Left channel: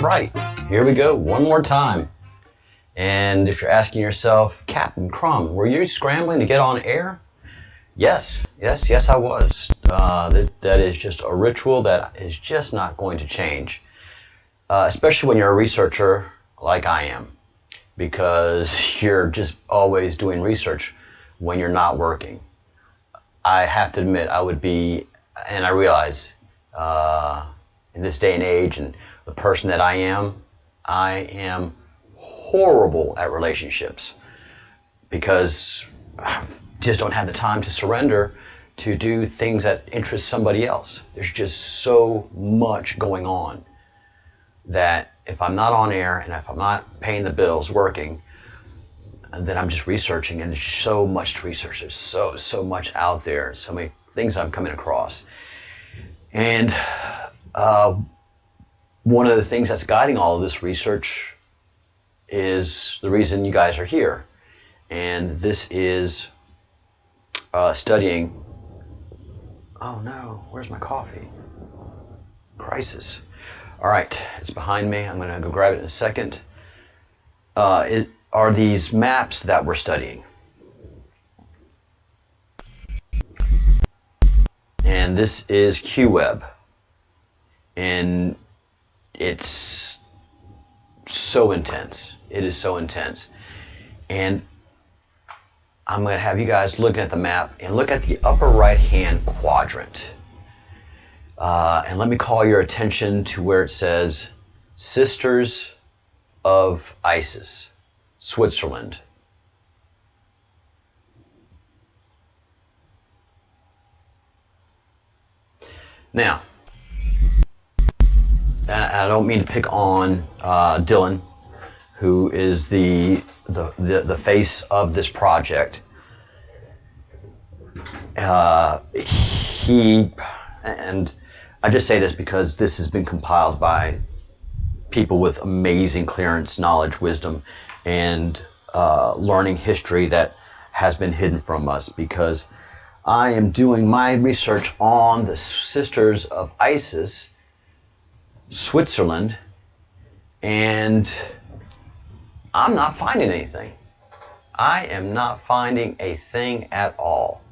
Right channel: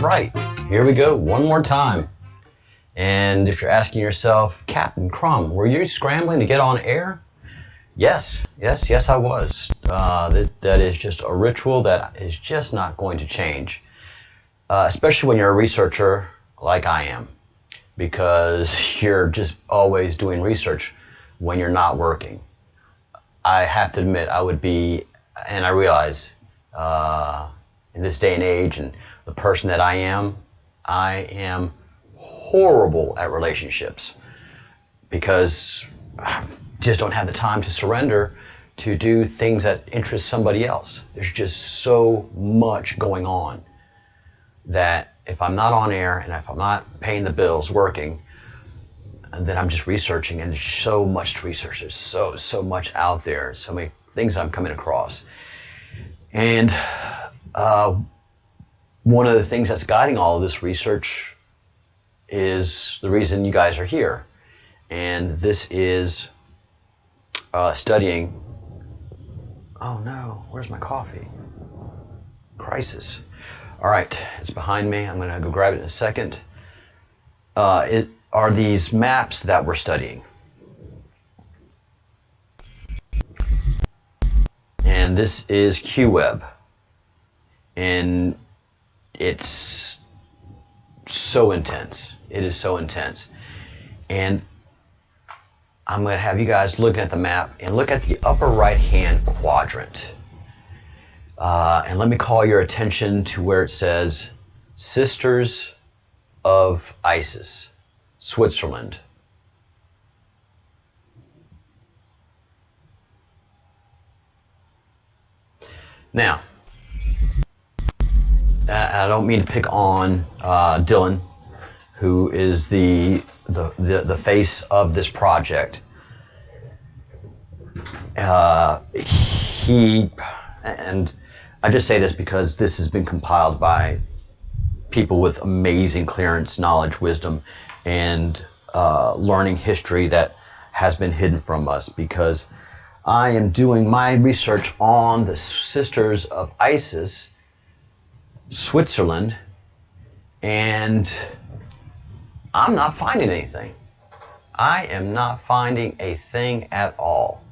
right, here we go, one more time. And if you're asking yourself, Captain Crumb, were you scrambling to get on air? Yes, I was. That is just a ritual that is just not going to change, especially when you're a researcher like I am, because you're just always doing research when you're not working. I have to admit, I would be, and I realize in this day and age and the person that I am horrible at relationships because I just don't have the time to surrender to do things that interest somebody else. There's just so much going on that if I'm not on air and if I'm not paying the bills, working, then I'm just researching, and there's so much to research. There's so much out there, so many things I'm coming across. And one of the things that's guiding all of this research is the reason you guys are here. And this is studying, oh no, where's my coffee? Crisis. All right, it's behind me. I'm going to go grab it in a second. It are these maps that we're studying. And this is QWeb. And it's so intense. It is so intense. And I'm going to have you guys looking at the map and look at the upper right-hand quadrant. And let me call your attention to where it says Sisters of ISIS, Switzerland. Now, I don't mean to pick on Dylan, who is the face of this project. And I just say this because this has been compiled by people with amazing clearance, knowledge, wisdom, and learning history that has been hidden from us, because I am doing my research on the Sisters of ISIS, Switzerland, and I'm not finding anything. I am not finding a thing at all.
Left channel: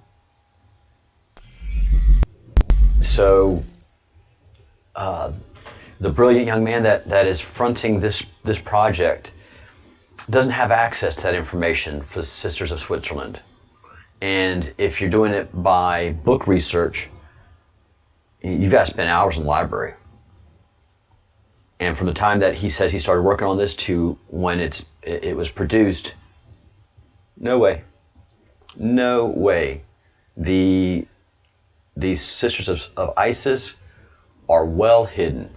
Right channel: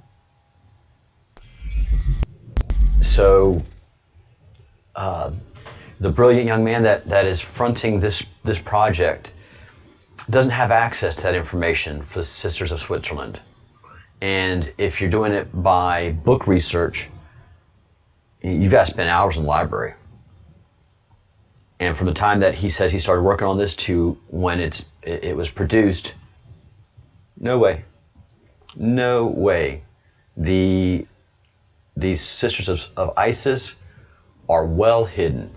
So the brilliant young man that is fronting this project doesn't have access to that information for the Sisters of Switzerland. And if you're doing it by book research, you've got to spend hours in the library. And from the time that he says he started working on this to when it was produced, no way. The Sisters of ISIS are well hidden.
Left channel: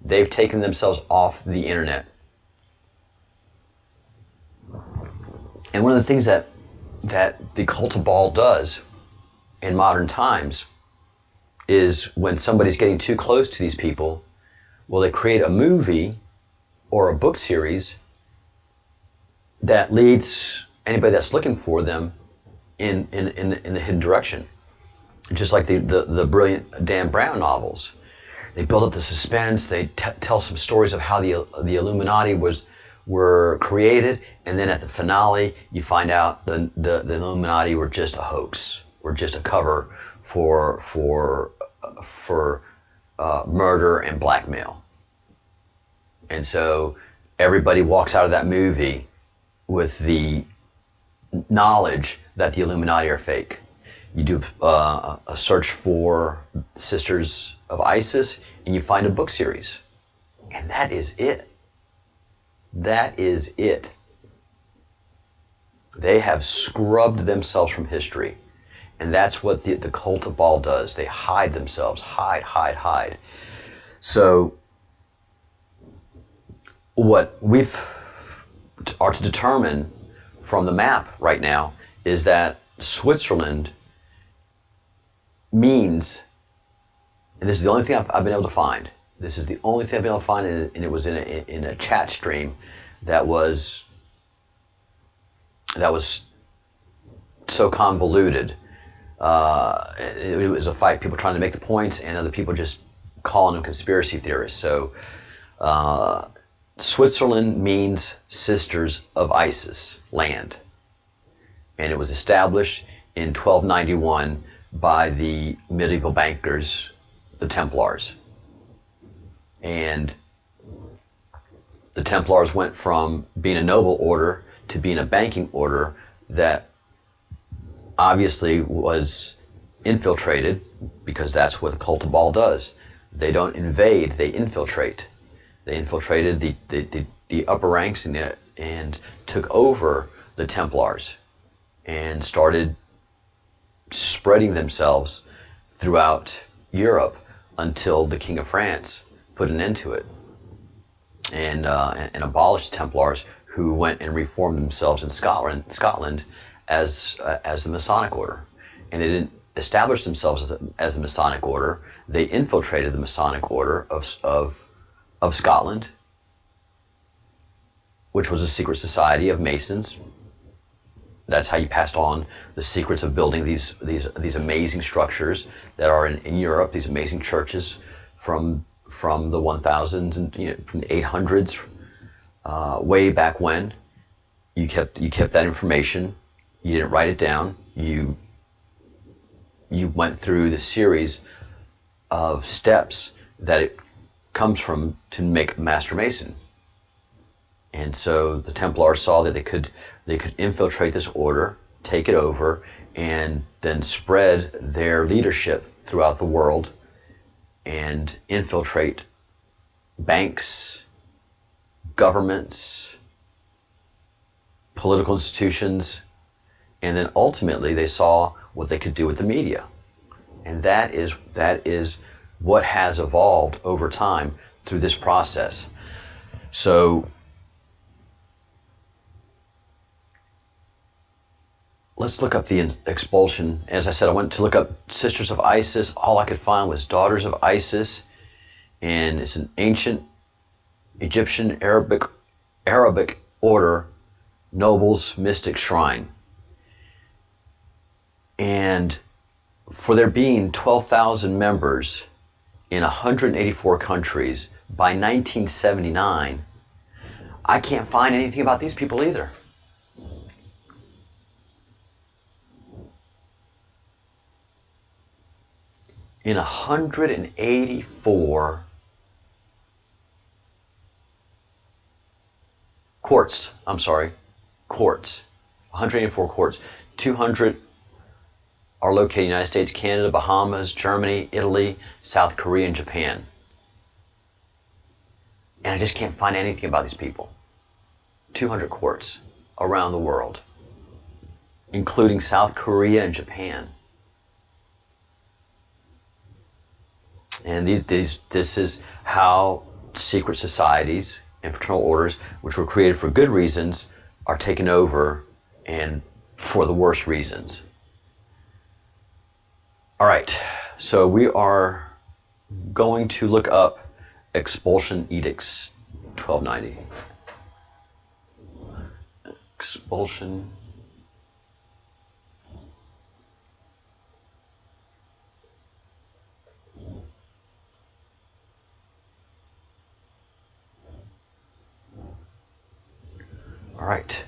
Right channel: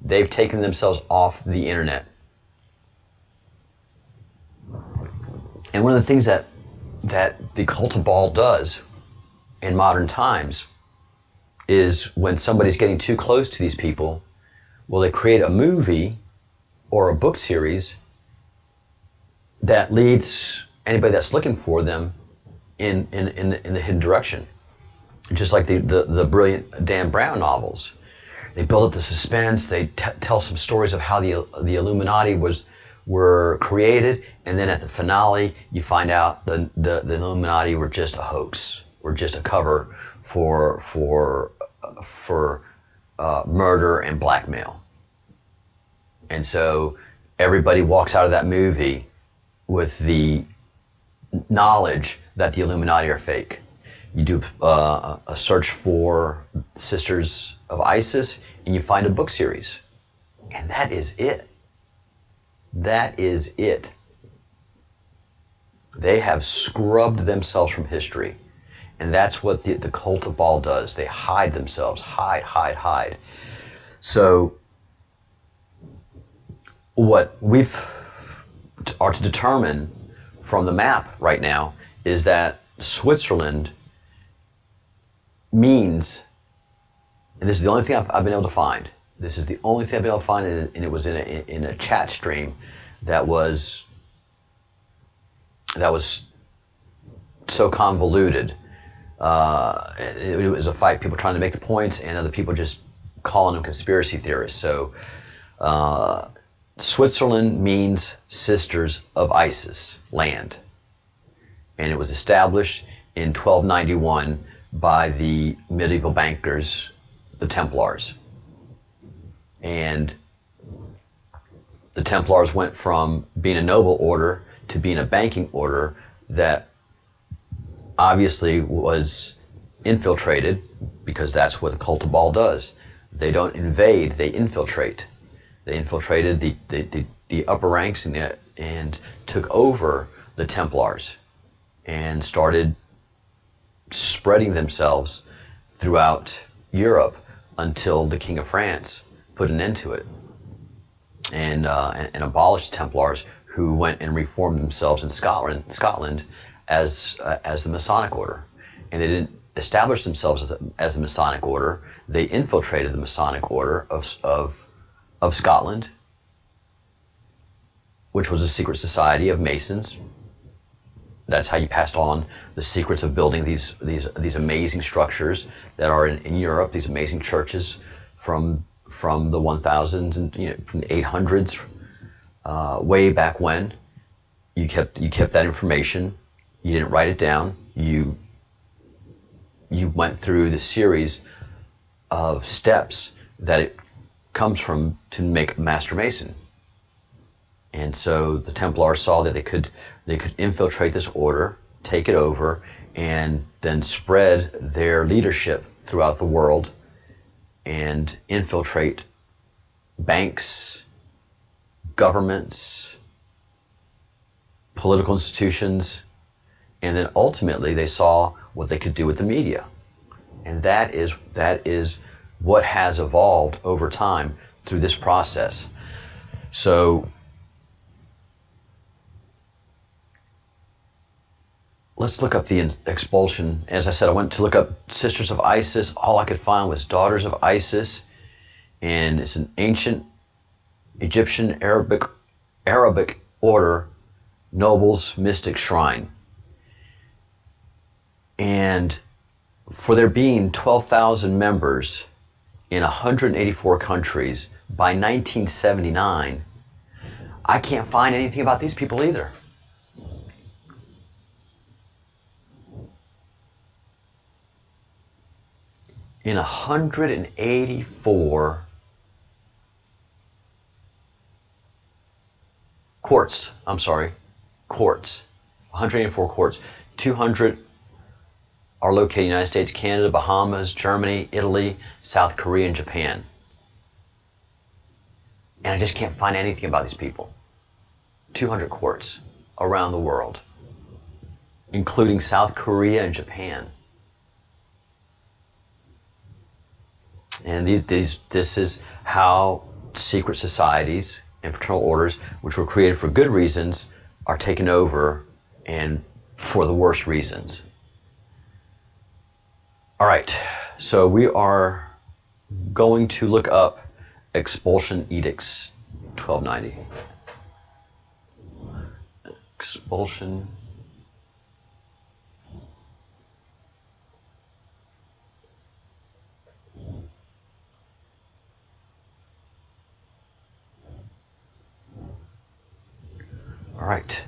They've taken themselves off the internet. And one of the things that the cult of Baal does in modern times is when somebody's getting too close to these people, well, they create a movie or a book series that leads anybody that's looking for them in the hidden direction. Just like the brilliant Dan Brown novels. They build up the suspense, they tell some stories of how the Illuminati were created, and then at the finale you find out the Illuminati were just a hoax, were just a cover for murder and blackmail. And so everybody walks out of that movie with the knowledge that the Illuminati are fake. You do a search for Sisters of ISIS and you find a book series. And that is it. That is it. They have scrubbed themselves from history. And that's what the cult of Baal does. They hide themselves. Hide. So what we are to determine from the map right now is that Switzerland means, and this is the only thing I've been able to find. This is the only thing I've been able to find, and it was in a chat stream that was so convoluted. It was a fight, people trying to make the points, and other people just calling them conspiracy theorists. So Switzerland means Sisters of Isis land, and it was established in 1291 by the medieval bankers, the Templars. And the Templars went from being a noble order to being a banking order that obviously was infiltrated, because that's what the cult of Baal does. They don't invade, they infiltrate. They infiltrated the upper ranks and took over the Templars and started spreading themselves throughout Europe until the King of France put an end to it and abolished Templars, who went and reformed themselves in Scotland as the Masonic order. And they didn't establish themselves as the Masonic order. They infiltrated the Masonic order of Scotland, which was a secret society of Masons. That's how you passed on the secrets of building these amazing structures that are in Europe, these amazing churches from the 1000s and from the 800s, way back when. You kept that information. You didn't write it down. You went through the series of steps that it comes from to make a Master Mason. And so the Templars saw that they could infiltrate this order, take it over, and then spread their leadership throughout the world and infiltrate banks, governments, political institutions, and then ultimately they saw what they could do with the media. And that is what has evolved over time through this process. So let's look up the expulsion. As I said, I went to look up Sisters of Isis. All I could find was Daughters of Isis, and it's an ancient Egyptian Arabic order, nobles, mystic shrine. And for there being 12,000 members in 184 countries by 1979, I can't find anything about these people either. In 184 courts, 184 courts, 200 are located in the United States, Canada, Bahamas, Germany, Italy, South Korea, and Japan. And I just can't find anything about these people. 200 courts around the world, including South Korea and Japan. And this is how secret societies and fraternal orders, which were created for good reasons, are taken over, and for the worst reasons. All right, so we are going to look up Expulsion Edicts 1290. Expulsion. All right.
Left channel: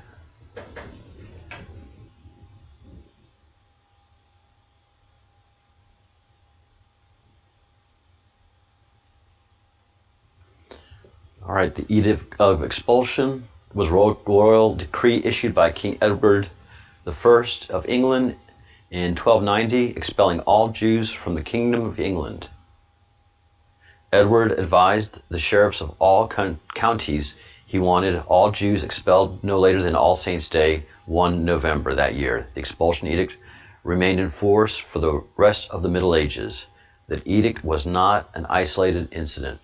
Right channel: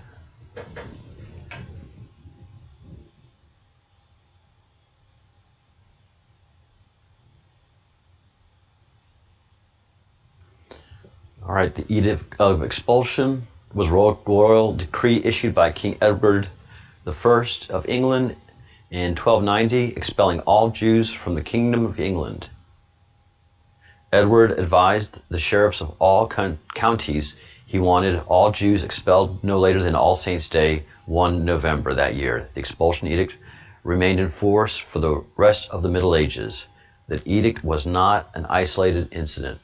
All right, the Edict of Expulsion was a royal decree issued by King Edward I of England in 1290, expelling all Jews from the Kingdom of England. Edward advised the sheriffs of all counties he wanted all Jews expelled no later than All Saints' Day, 1 November that year. The expulsion edict remained in force for the rest of the Middle Ages. The edict was not an isolated incident,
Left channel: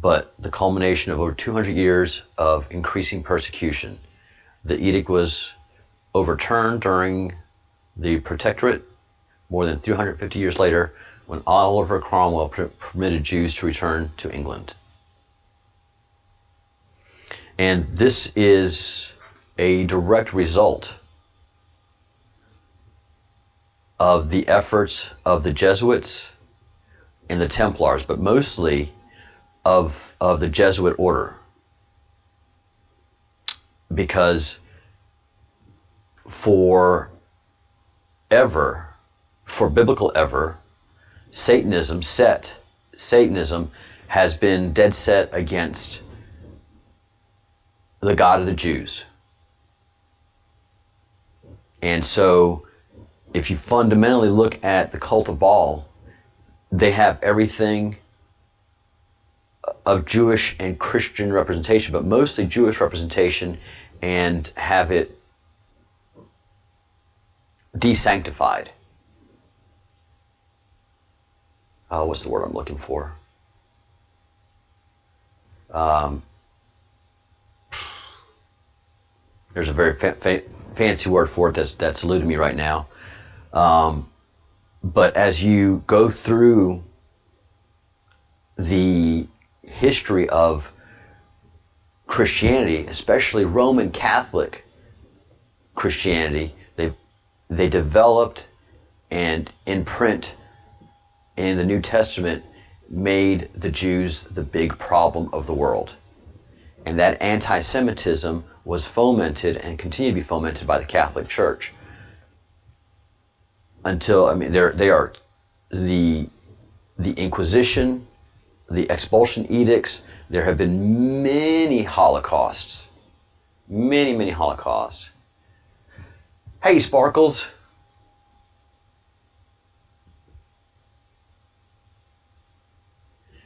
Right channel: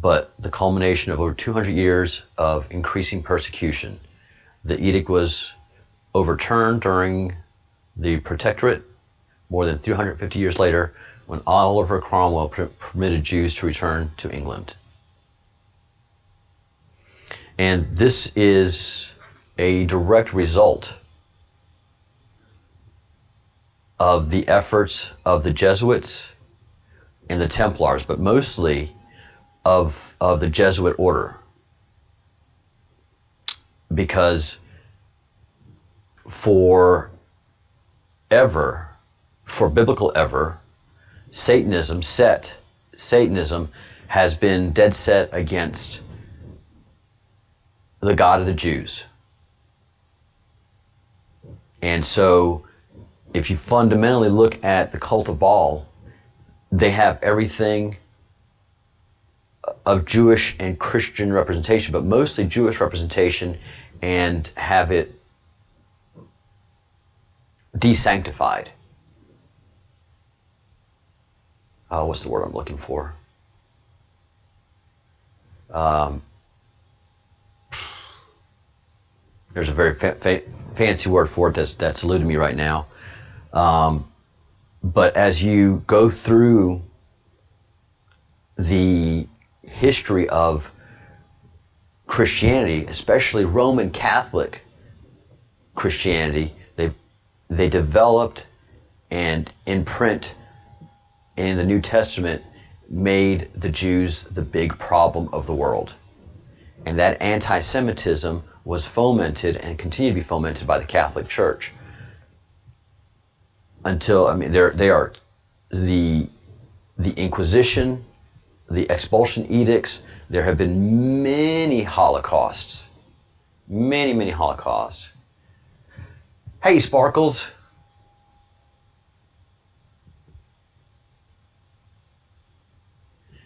but the culmination of over 200 years of increasing persecution. The edict was overturned during the Protectorate more than 350 years later, when Oliver Cromwell permitted Jews to return to England. And this is a direct result of the efforts of the Jesuits and the Templars, but mostly of the Jesuit order, because for biblical ever, Satanism has been dead set against the God of the Jews. And so if you fundamentally look at the cult of Baal, they have everything of Jewish and Christian representation, but mostly Jewish representation, and have it desanctified. What's the word I'm looking for? There's a very fancy word for it that's eluding me right now. But as you go through the history of Christianity, especially Roman Catholic Christianity, they developed and in print in the New Testament made the Jews the big problem of the world. And that anti-Semitism was fomented and continued to be fomented by the Catholic Church. Until, I mean, they are the Inquisition, the expulsion edicts. There have been many Holocausts. Many Holocausts. Hey, Sparkles.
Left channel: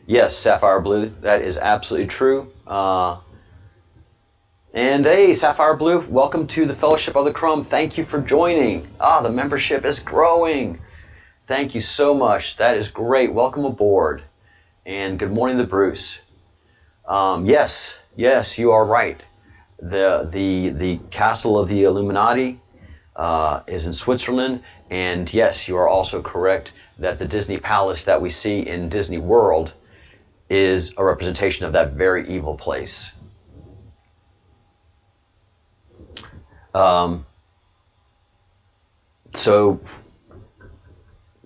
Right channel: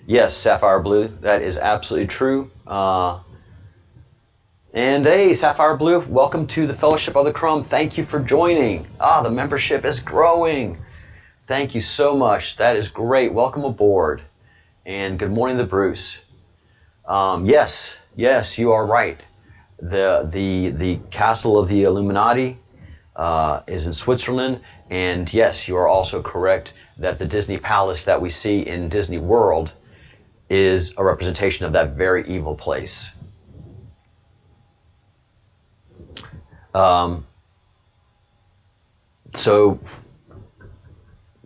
Yes, Sapphire Blue, that is absolutely true. And hey, Sapphire Blue, welcome to the Fellowship of the Crumb. Thank you for joining. The membership is growing. Thank you so much. That is great. Welcome aboard. And good morning to Bruce. Yes, you are right. The castle of the Illuminati is in Switzerland. And yes, you are also correct that the Disney Palace that we see in Disney World is a representation of that very evil place. So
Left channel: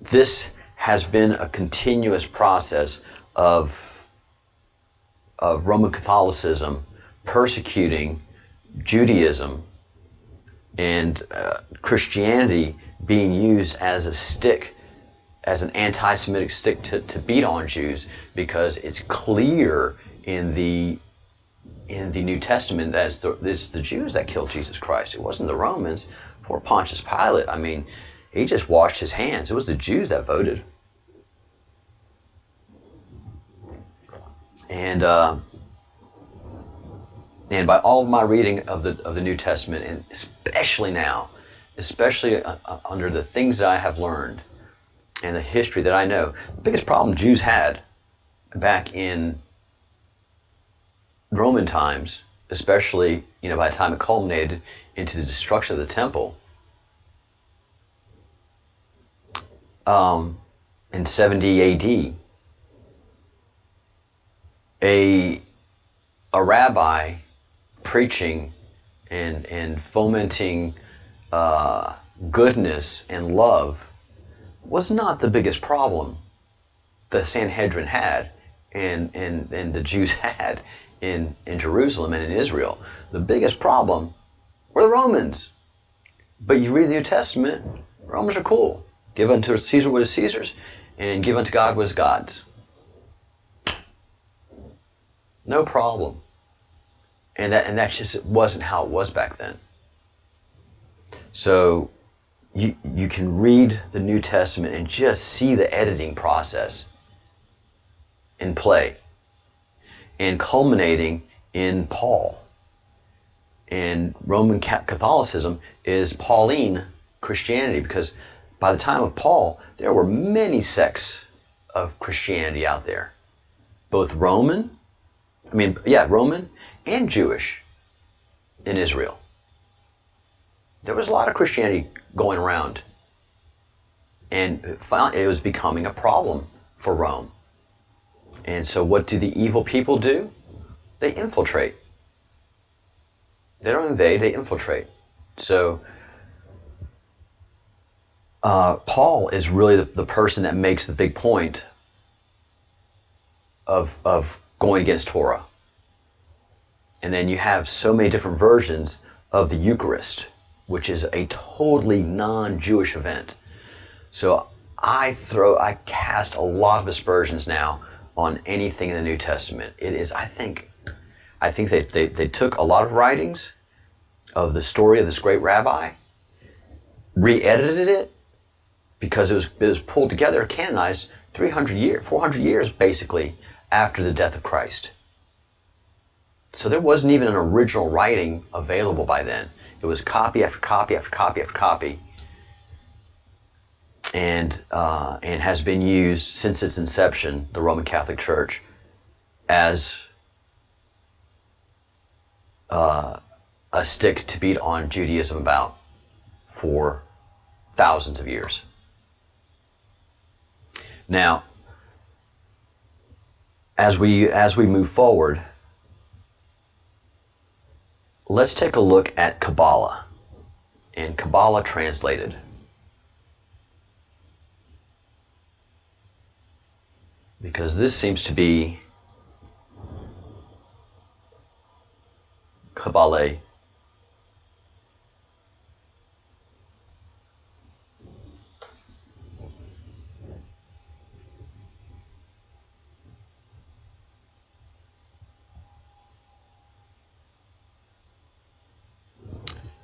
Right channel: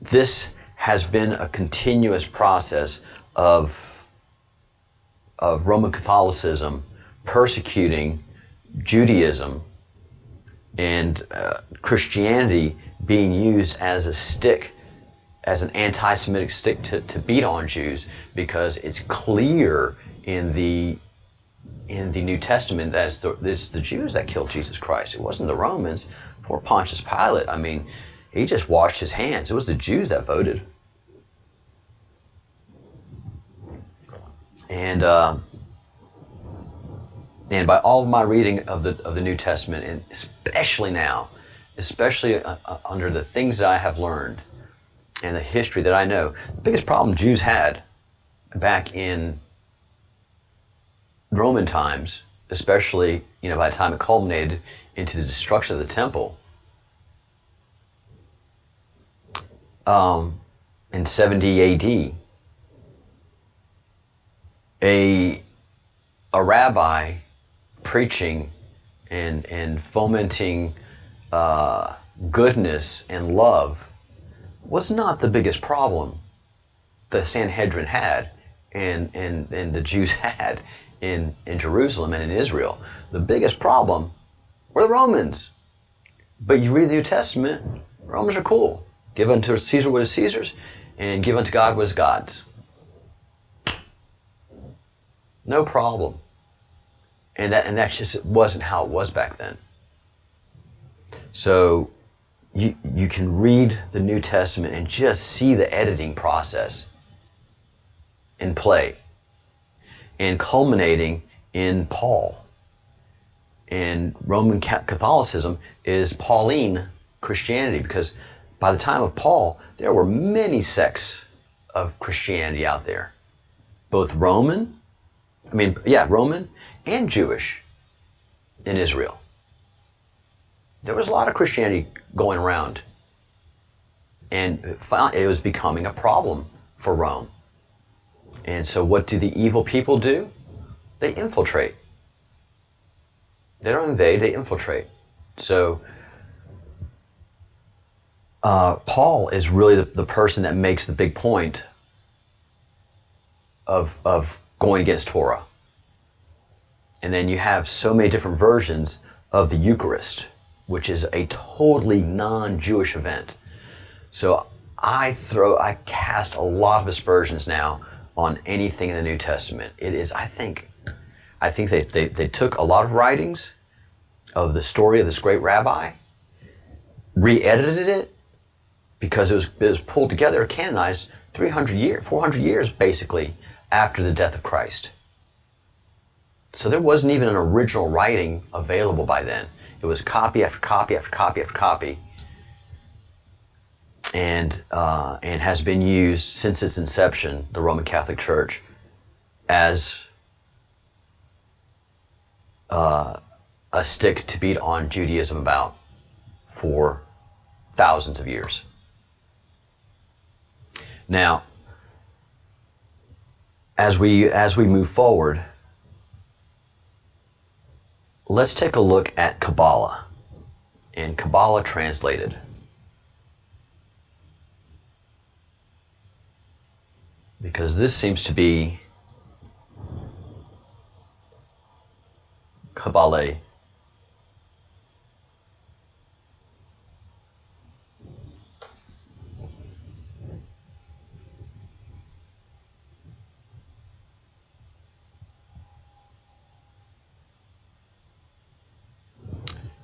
this has been a continuous process of Roman Catholicism persecuting Judaism, and Christianity being used as a stick, as an anti-Semitic stick to beat on Jews, because it's clear in the New Testament that it's the Jews that killed Jesus Christ. It wasn't the Romans. Poor Pontius Pilate, I mean, he just washed his hands. It was the Jews that voted. And by all of my reading of the New Testament, and especially now, under the things that I have learned and the history that I know, the biggest problem Jews had back in Roman times, especially, by the time it culminated into the destruction of the temple in 70 AD, a rabbi preaching and fomenting goodness and love was not the biggest problem the Sanhedrin had and the Jews had in Jerusalem and in Israel. The biggest problem were the Romans. But you read the New Testament, Romans are cool. Give unto Caesar what is Caesar's, and give unto God what is God's. No problem. And that just wasn't how it was back then. So you can read the New Testament and just see the editing process in play, and culminating in Paul. And Roman Catholicism is Pauline Christianity, because by the time of Paul, there were many sects of Christianity out there, both Roman and Jewish in Israel. There was a lot of Christianity going around, and it was becoming a problem for Rome. And so what do the evil people do? They infiltrate. They don't invade, they infiltrate. So Paul is really the person that makes the big point of going against Torah. And then you have so many different versions of the Eucharist, which is a totally non-Jewish event. So I cast a lot of aspersions now on anything in the New Testament. It is, I think they took a lot of writings of the story of this great rabbi, re-edited it, because it was pulled together, canonized 400 years basically after the death of Christ. So there wasn't even an original writing available by then. It was copy after copy after copy after copy, and has been used since its inception, the Roman Catholic Church, as a stick to beat on Judaism about for thousands of years. Now, as we move forward, let's take a look at Kabbalah, and Kabbalah translated. Because this seems to be Kabbalah.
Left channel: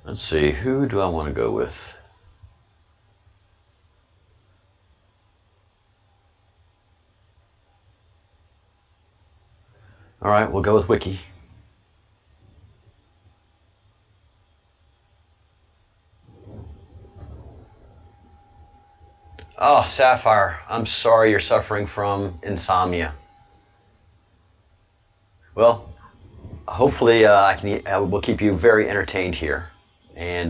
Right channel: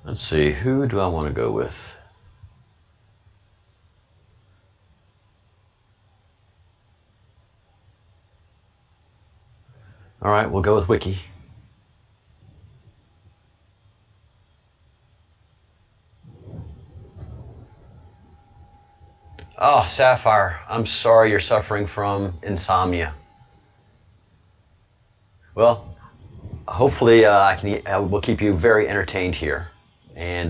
Let's see, who do I want to go with? All right, we'll go with Wiki. Oh, Sapphire, I'm sorry you're suffering from insomnia. Well, hopefully we'll keep you very entertained here, and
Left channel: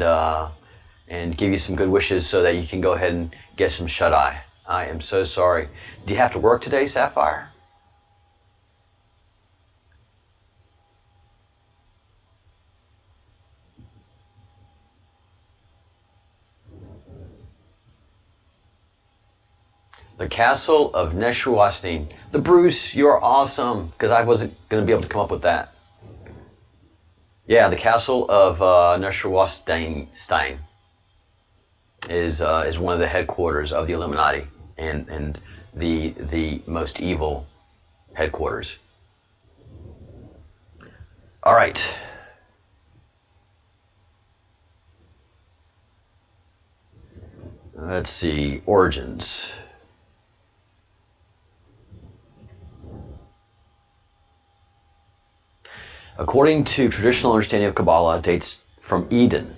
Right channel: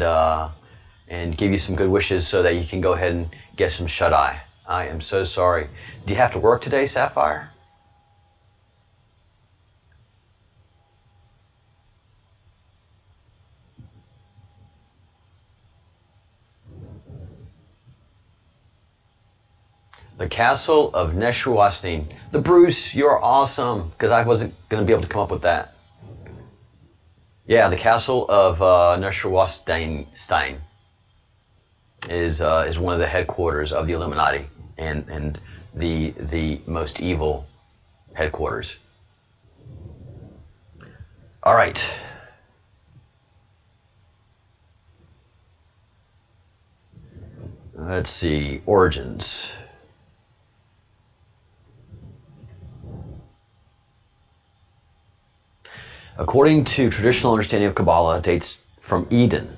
give you some good wishes so that you can go ahead and get some shut-eye. I am so sorry. Do you have to work today, Sapphire? The Castle of Neuschwanstein. The Bruce, you're awesome, because I wasn't going to be able to come up with that. Yeah, the Castle of Neuschwanstein is one of the headquarters of the Illuminati, and the most evil headquarters. All right. Let's see, origins. According to traditional understanding of Kabbalah, it dates from Eden.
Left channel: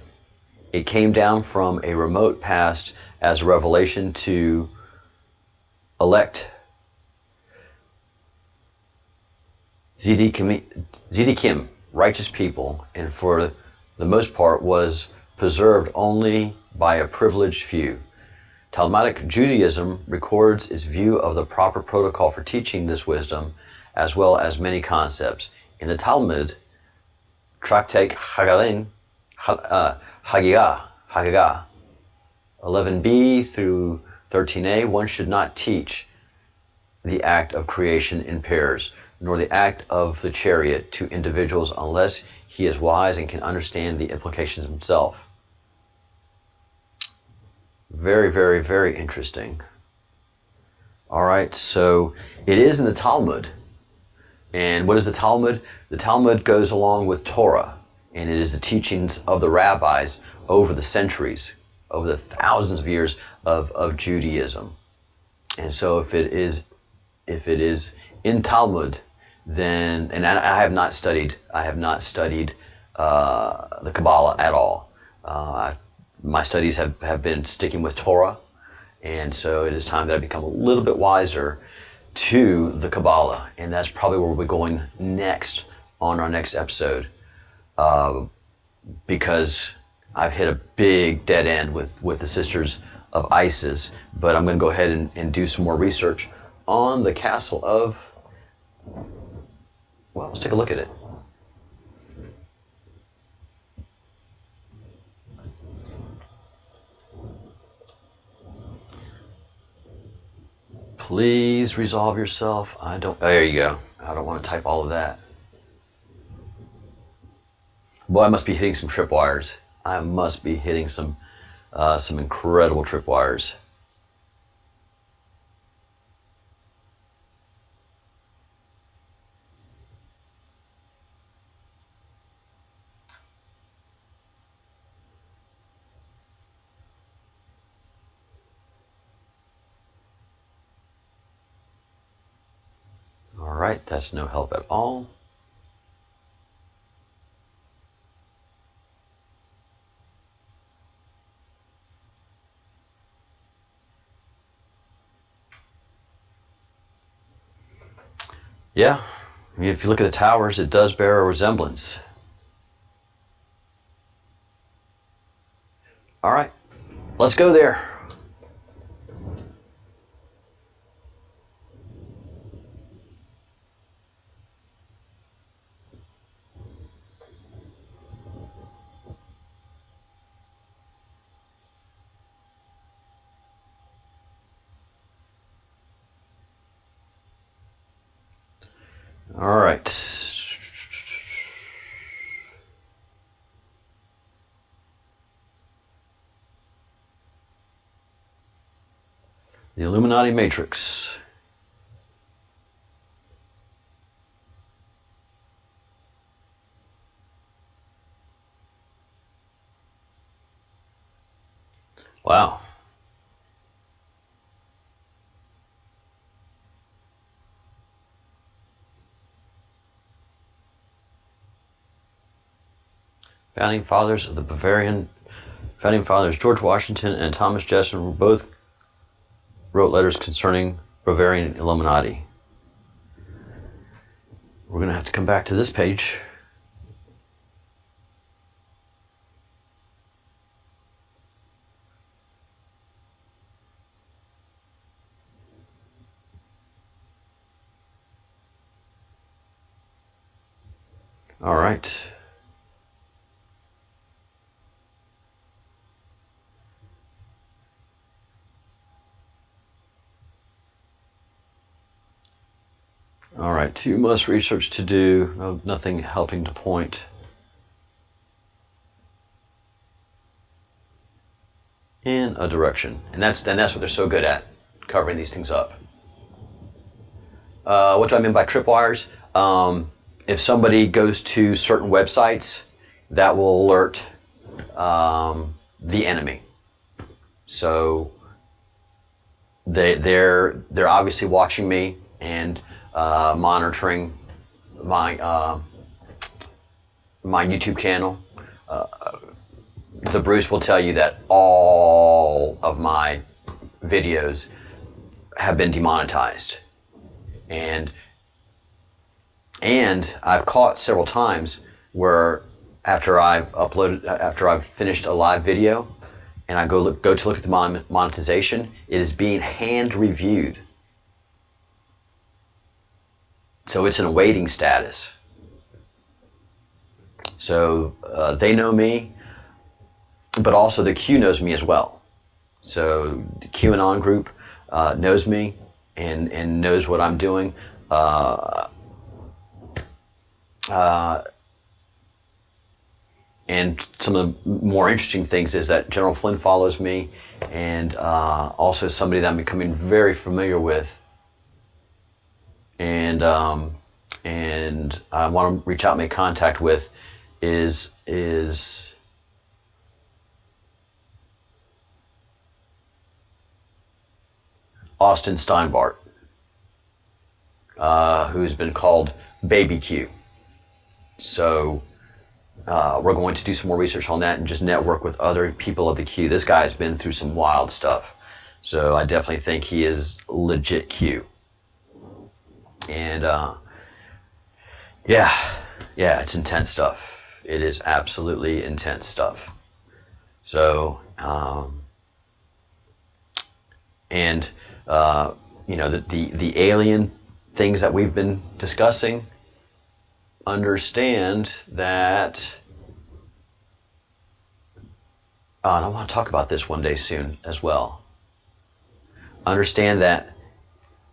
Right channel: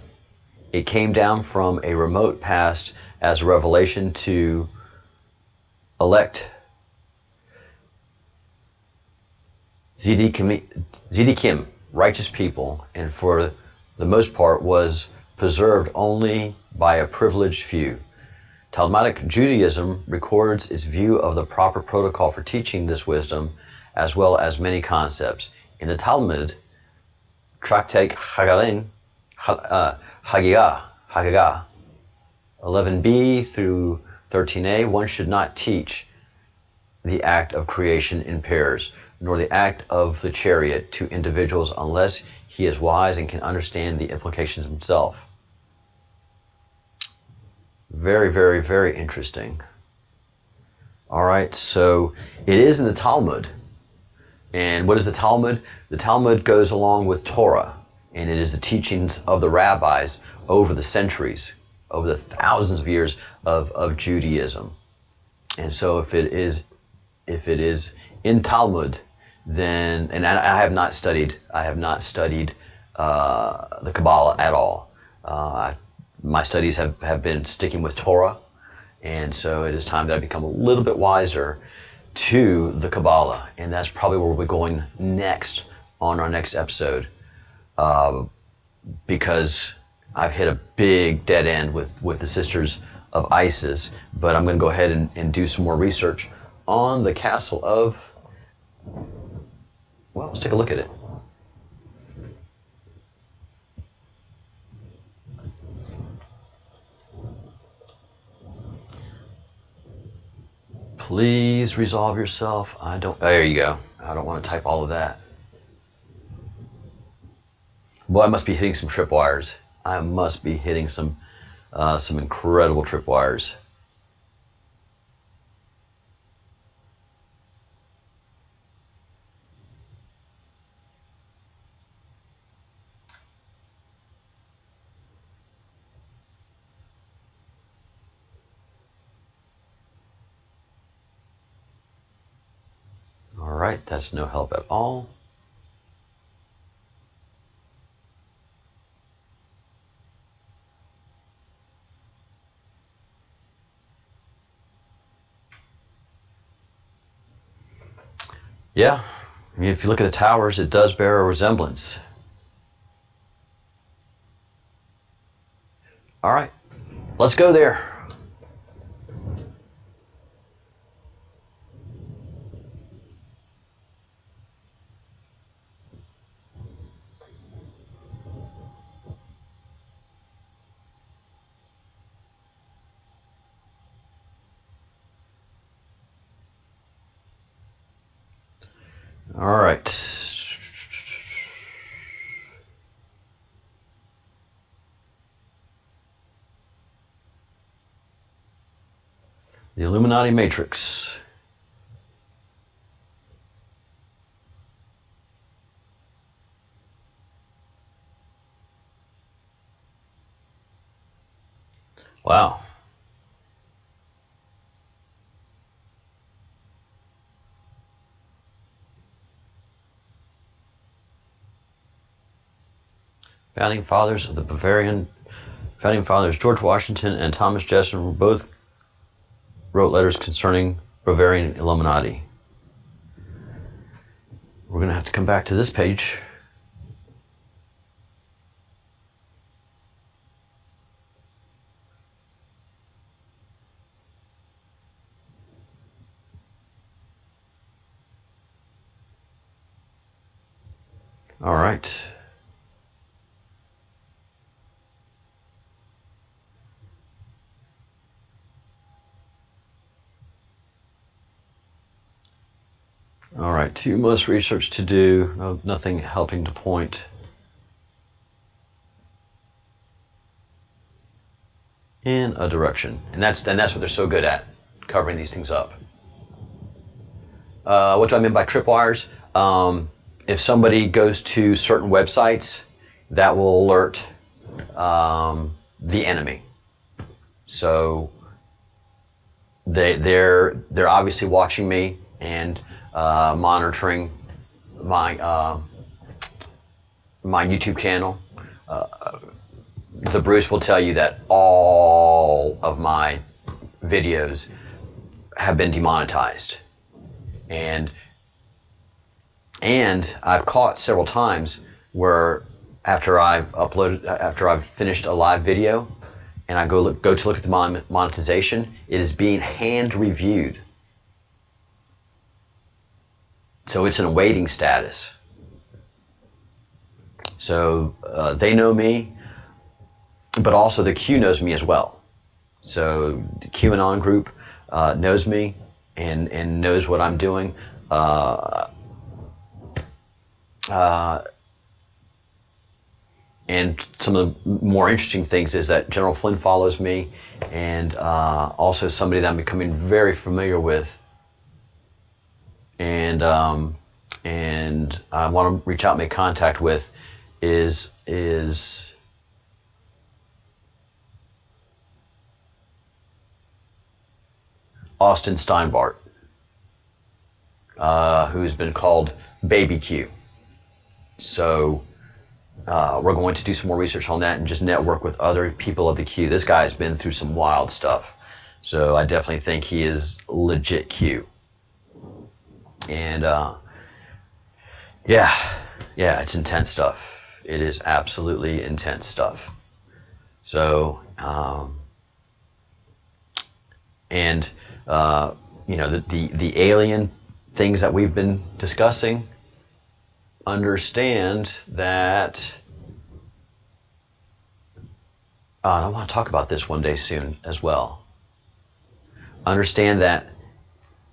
It came down from a remote past as a revelation to elect Tzaddikim, righteous people, and for the most part was preserved only by a privileged few. Talmudic Judaism records its view of the proper protocol for teaching this wisdom, as well as many concepts. In the Talmud, Tractate Haggadah, 11b through 13a, one should not teach the act of creation in pairs, nor the act of the chariot to individuals unless he is wise and can understand the implications himself. Very, very, very interesting. All right, so it is in the Talmud. And what is the Talmud? The Talmud goes along with Torah, and it is the teachings of the rabbis over the centuries, over the thousands of years of Judaism. And so if it is in Talmud, then, and I have not studied the Kabbalah at all. My studies have been sticking with Torah, and so it is time that I become a little bit wiser to the Kabbalah, and that's probably where we're going next on our next episode, because I've hit a big dead end with the Sisters of Isis, but I'm going to go ahead and do some more research on the Castle of, well, let's take a look at it. Please resolve yourself. There you go. I don't want to type all of that. Boy, I must be hitting some tripwires. I must be hitting some incredible tripwires. All right, that's no help at all. Yeah, I mean, if you look at the towers, it does bear a resemblance. All right, let's go there. All right. The Illuminati Matrix. Wow. Founding fathers of the Bavarian founding fathers George Washington and Thomas Jefferson both wrote letters concerning Bavarian Illuminati. We're going to have to come back to this page. All right. All right, too much research to do, nothing helping to point in a direction. And that's what they're so good at, covering these things up. What do I mean by tripwires? If somebody goes to certain websites, that will alert the enemy. So they're obviously watching me and monitoring my my YouTube channel. The Bruce will tell you that all of my videos have been demonetized, and I've caught several times where after I've finished a live video and I go to look at the monetization, it is being hand reviewed. So it's in a waiting status. So they know me, but also the Q knows me as well. So the Qanon group knows me and knows what I'm doing. And some of the more interesting things is that General Flynn follows me, and also somebody that I'm becoming very familiar with. And I want to reach out and make contact with is Austin Steinbart, who's been called Baby Q. So we're going to do some more research on that and just network with other people of the Q. This guy's been through some wild stuff, so I definitely think he is legit Q. And yeah, it's intense stuff. It is absolutely intense stuff. So the alien things that we've been discussing, understand that, and I want to talk about this one day soon as well. Understand that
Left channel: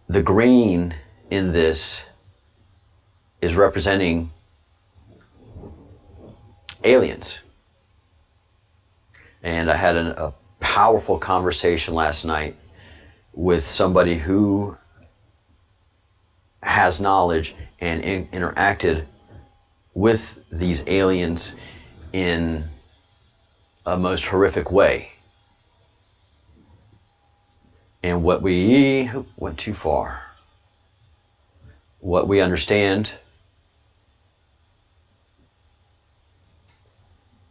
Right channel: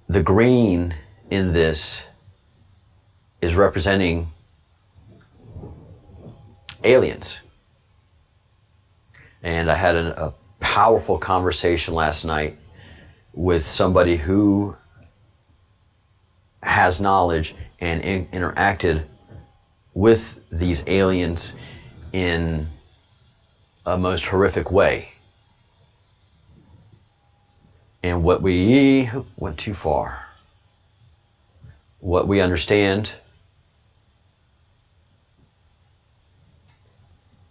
the green in this is representing aliens. And I had a powerful conversation last night with somebody who has knowledge and interacted with these aliens in a most horrific way. And what we went too far. What we understand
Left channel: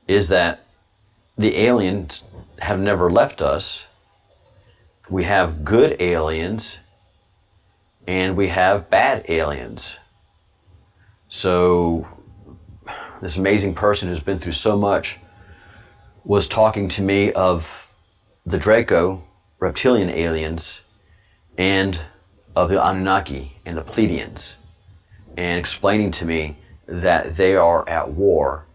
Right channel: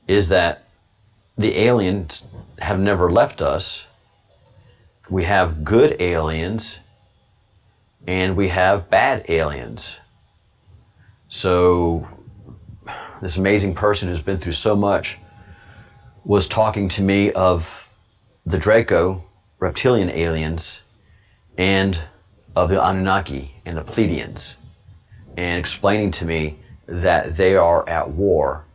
is that the aliens have never left us. We have good aliens and we have bad aliens. So this amazing person who's been through so much was talking to me of the Draco reptilian aliens and of the Anunnaki and the Pleiadians, and explaining to me that they are at war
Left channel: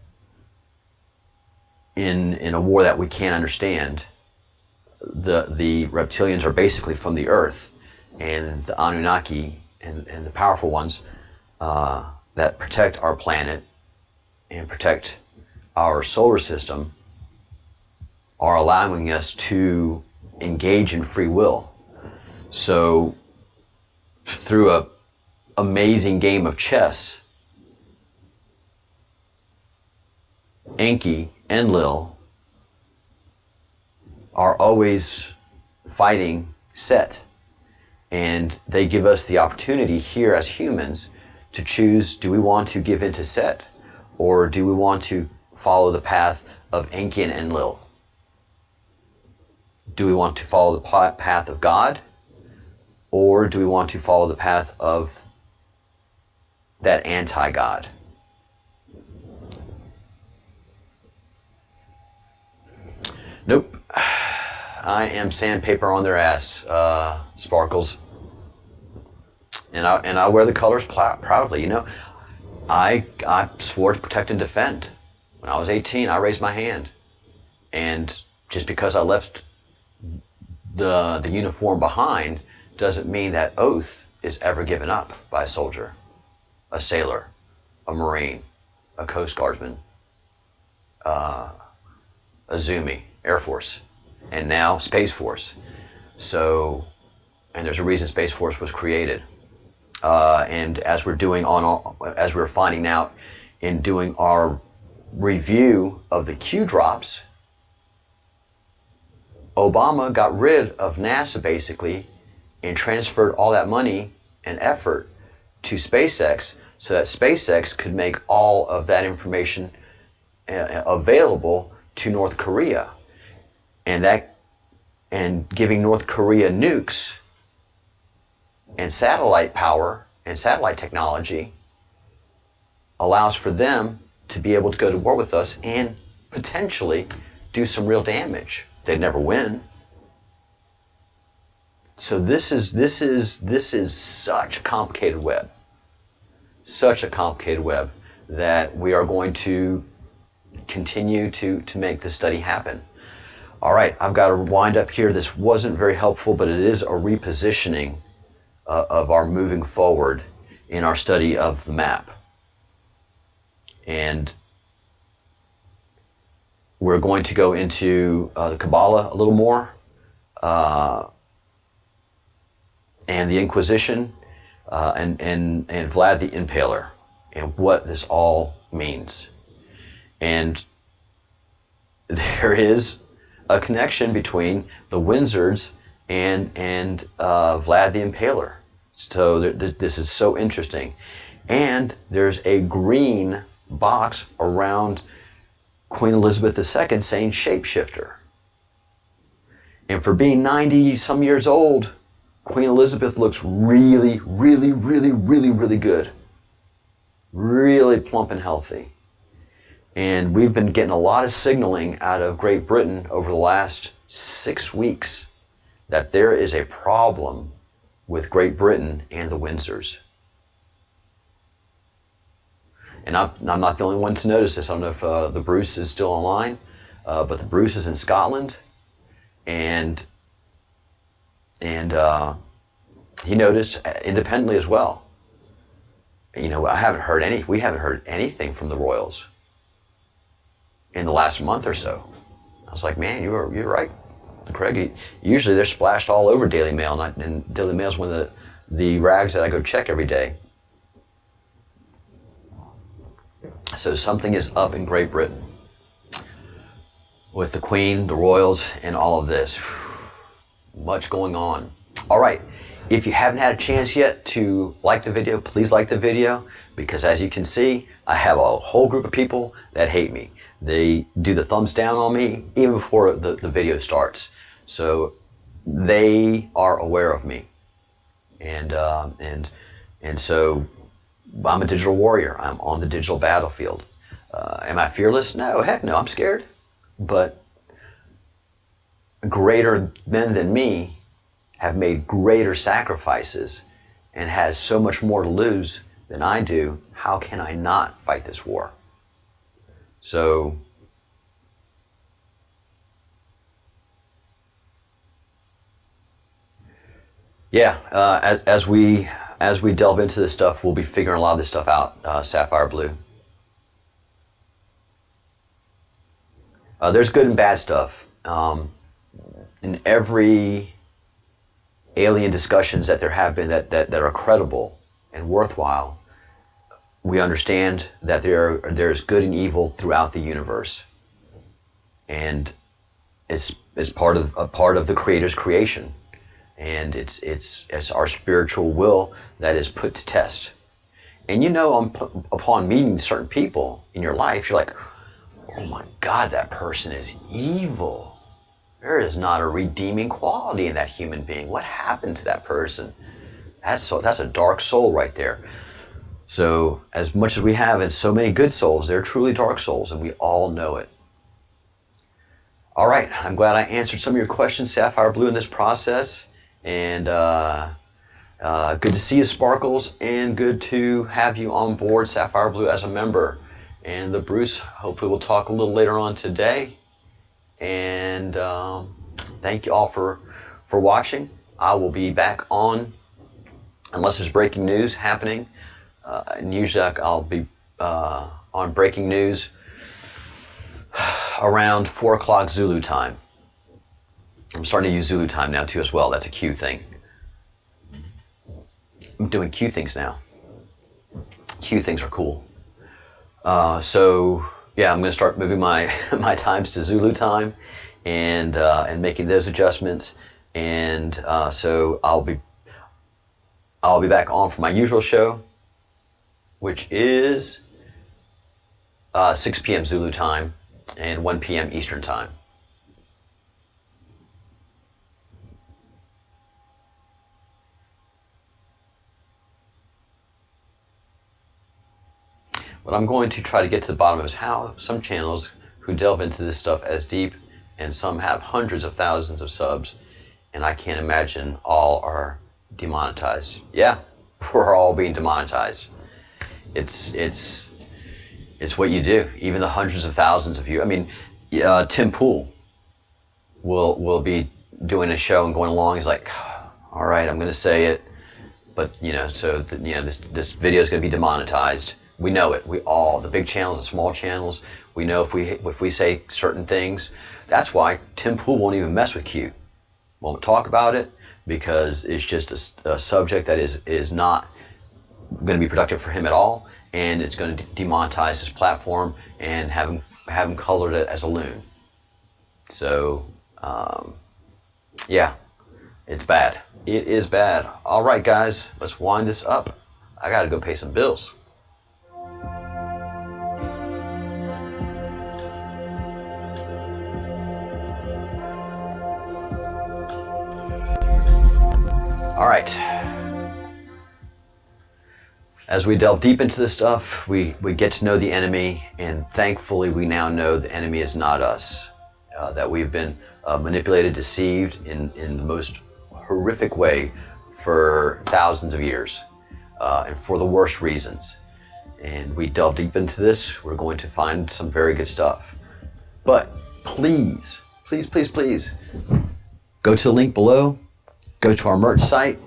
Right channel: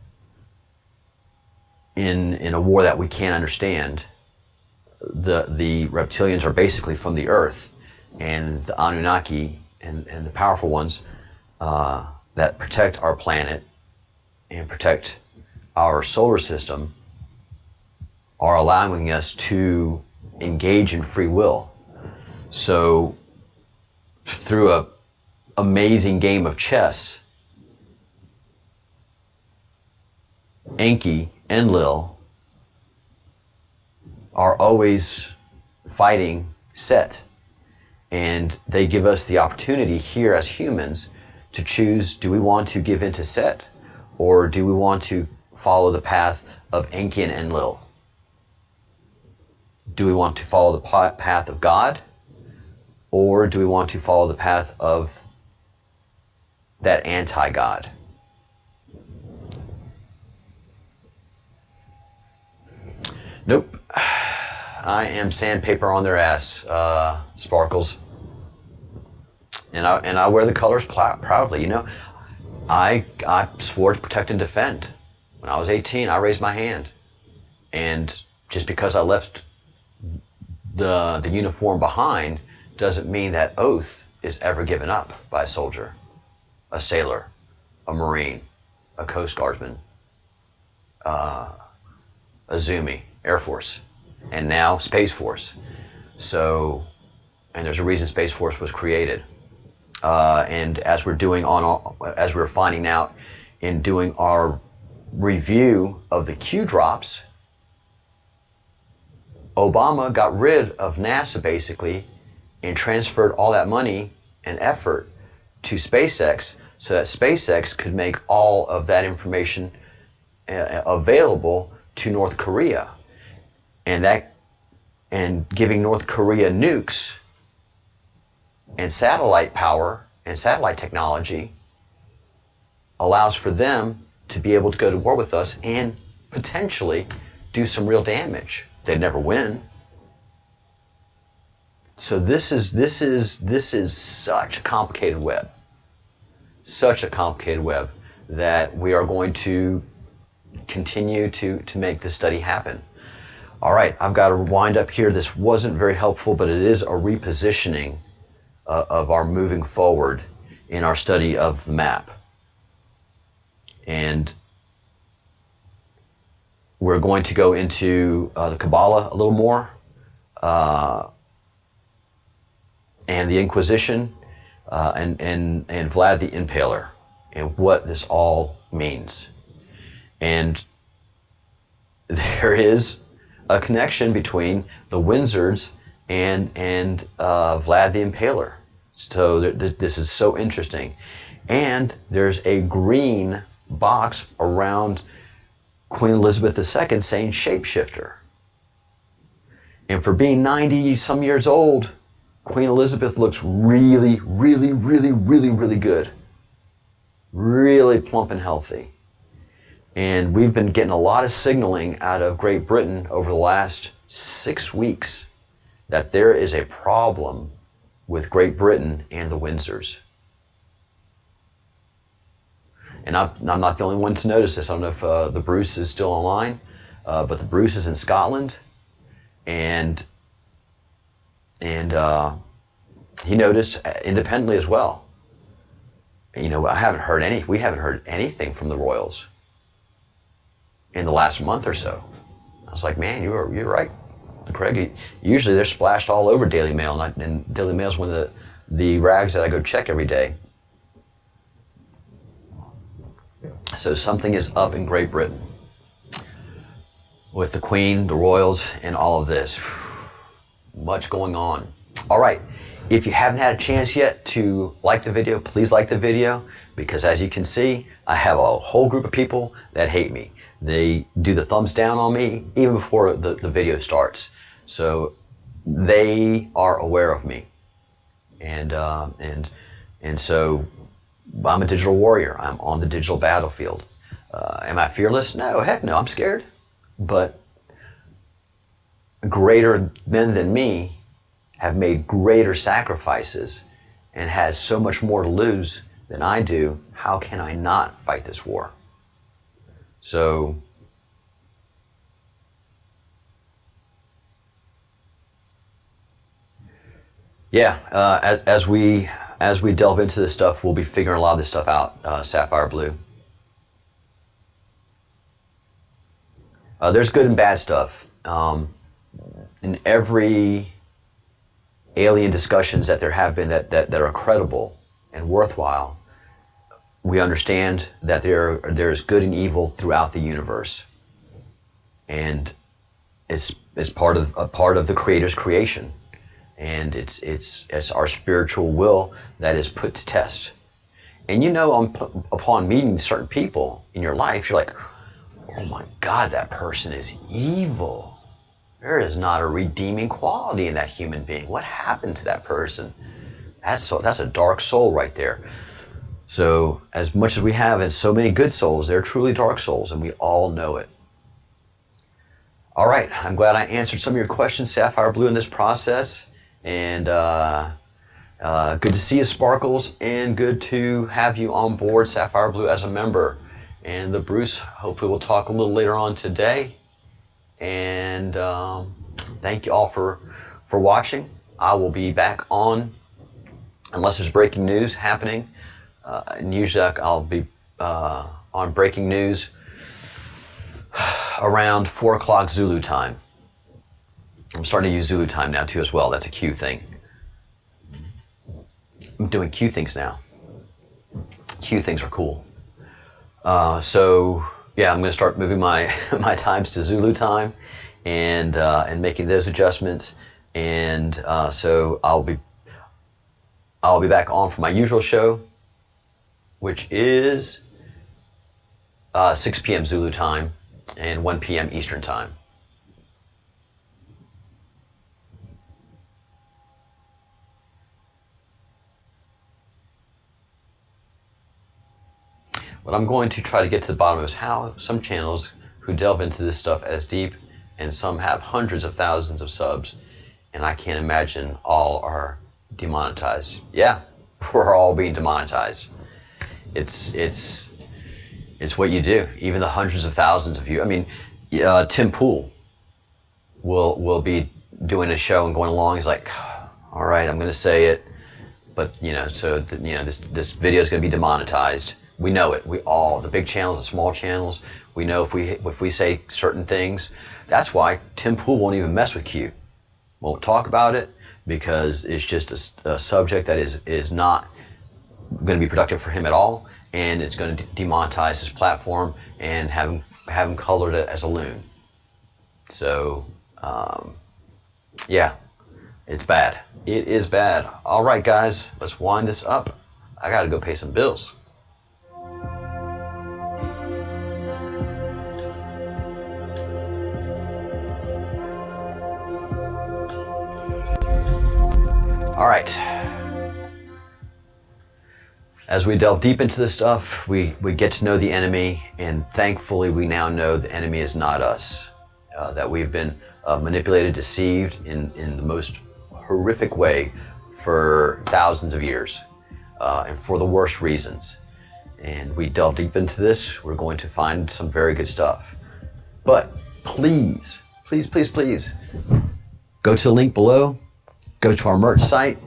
in a war that we can't understand. The reptilians are basically from the earth, and the Anunnaki and the powerful ones that protect our planet and protect our solar system are allowing us to engage in free will. So through a amazing game of chess, Enki and Lil are always fighting Set, and they give us the opportunity here as humans to choose, do we want to give in to Set, or do we want to follow the path of Enki and Enlil? Do we want to follow the path of God, or do we want to follow the path of that anti-God? Nope. I am sandpaper on their ass, Sparkles. And I wear the colors proudly. You know, I swore to protect and defend. When I was 18, I raised my hand. And just because I left the uniform behind doesn't mean that oath is ever given up by a soldier, a sailor, a Marine, a Coast Guardsman, a Zoomy, Air Force, and now Space Force. So, and there's a reason Space Force was created. And as we're finding out in doing our review of the Q drops, Obama got rid of NASA basically and transferred all that money and effort to SpaceX so that SpaceX could make all of that information available to North Korea. And giving North Korea nukes and satellite power and satellite technology allows for them to be able to go to war with us and potentially do some real damage. They'd never win. So this is such a complicated web. Such a complicated web that we are going to continue to make this study happen. All right, I've got to wind up here. This wasn't very helpful, but it is a repositioning of our moving forward in our study of the map. And we're going to go into the Kabbalah a little more, and the Inquisition, and Vlad the Impaler, and what this all means. And there is a connection between the Windsors and Vlad the Impaler. So this is so interesting. And there's a green box around Queen Elizabeth II saying shapeshifter. And for being 90 some years old, Queen Elizabeth looks really, really, really, really, really good. Really plump and healthy. And we've been getting a lot of signaling out of Great Britain over the last 6 weeks that there is a problem with Great Britain and the Windsors. And I'm not the only one to notice this. I don't know if the Bruce is still online, but the Bruce is in Scotland, and he noticed independently as well You know, we haven't heard anything from the Royals in the last month or so. I was like, man, you're right, Craig. Usually they're splashed all over Daily Mail, and Daily Mail's one of the rags that I go check every day. So something is up in Great Britain with the Queen, the Royals, and all of this. Much going on. All right. If you haven't had a chance yet to like the video, please like the video, because as you can see, I have a whole group of people that hate me. They do the thumbs down on me even before the video starts. So they are aware of me. And so I'm a digital warrior. I'm on the digital battlefield. Am I fearless? No, heck no, I'm scared. But greater men than me have made greater sacrifices and has so much more to lose than I do. How can I not fight this war? So yeah, as we delve into this stuff, we'll be figuring a lot of this stuff out. Sapphire Blue. There's good and bad stuff. In every alien discussions that there have been that are credible and worthwhile, we understand that there's good and evil throughout the universe, and it's part of the Creator's creation, and it's our spiritual will that is put to test. And you know, upon meeting certain people in your life, you're like, oh my God, that person is evil. There is not a redeeming quality in that human being. What happened to that person? That's a dark soul right there. So as much as we have in so many good souls, they're truly dark souls, and we all know it. All right, I'm glad I answered some of your questions, Sapphire Blue, in this process. And good to see you, Sparkles, and good to have you on board, Sapphire Blue, as a member. And the Bruce, hopefully we'll talk a little later on today. And thank you all for watching. I will be back on, unless there's breaking news happening. And usually I'll be on breaking news around 4 o'clock Zulu time. I'm starting to use Zulu time now too as well. That's a Q thing. I'm doing Q things now. Q things are cool. So yeah, I'm going to start moving my times to Zulu time, and making those adjustments. And so I'll be back on for my usual show, which is 6 p.m. Zulu time and 1 p.m. Eastern time. What I'm going to try to get to the bottom of is how some channels who delve into this stuff as deep, and some have hundreds of thousands of subs, and I can't imagine all are demonetized. Yeah, we're all being demonetized. It's what you do. Even the hundreds of thousands of you. I mean, Tim Pool will be doing a show and going along. He's like, all right, I'm going to say it, but this video is going to be demonetized. We know it. We all, the big channels, the small channels, we know if we say certain things. That's why Tim Pool won't even mess with Q. Won't talk about it, because it's just a subject that is not going to be productive for him at all, and it's going to demonetize his platform and have him colored as a loon. So yeah, it's bad. It is bad. All right, guys, let's wind this up. I got to go pay some bills. All right. As we delve deep into this stuff, we get to know the enemy, and thankfully we now know the enemy is not us. That we've been manipulated, deceived in the most horrific way for thousands of years, and for the worst reasons. And we delve deep into this, we're going to find some very good stuff. But please, please, please, please, go to the link below. Go to our merch site,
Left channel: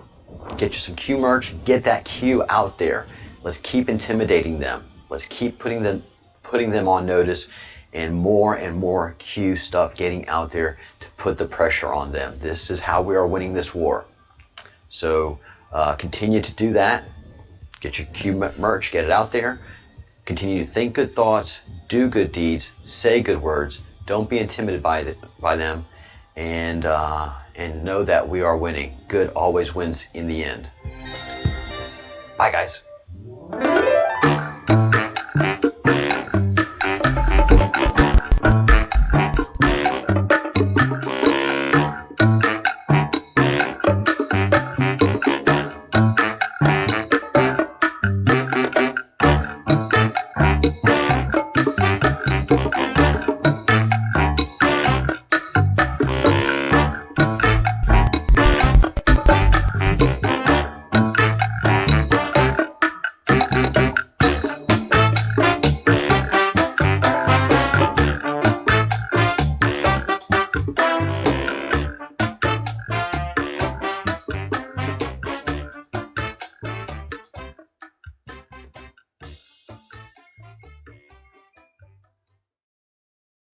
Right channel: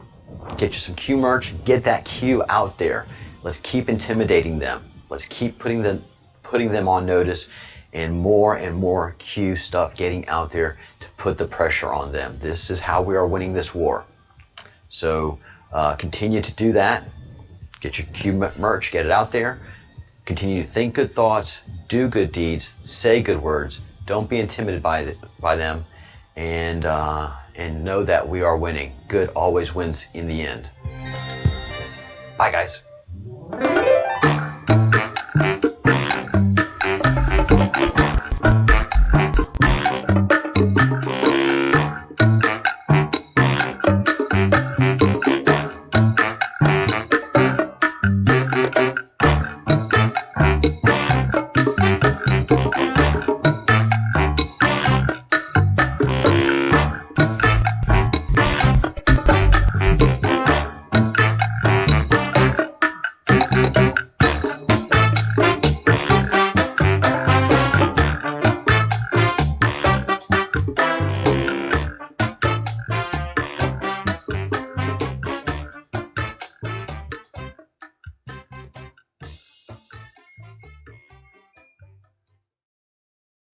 get you some Q merch, get that Q out there. Let's keep intimidating them. Let's keep putting them on notice, and more Q stuff getting out there to put the pressure on them. This is how we are winning this war. So continue to do that. Get your Q merch, get it out there. Continue to think good thoughts, do good deeds, say good words. Don't be intimidated by them, and know that we are winning. Good always wins in the end. Bye, guys.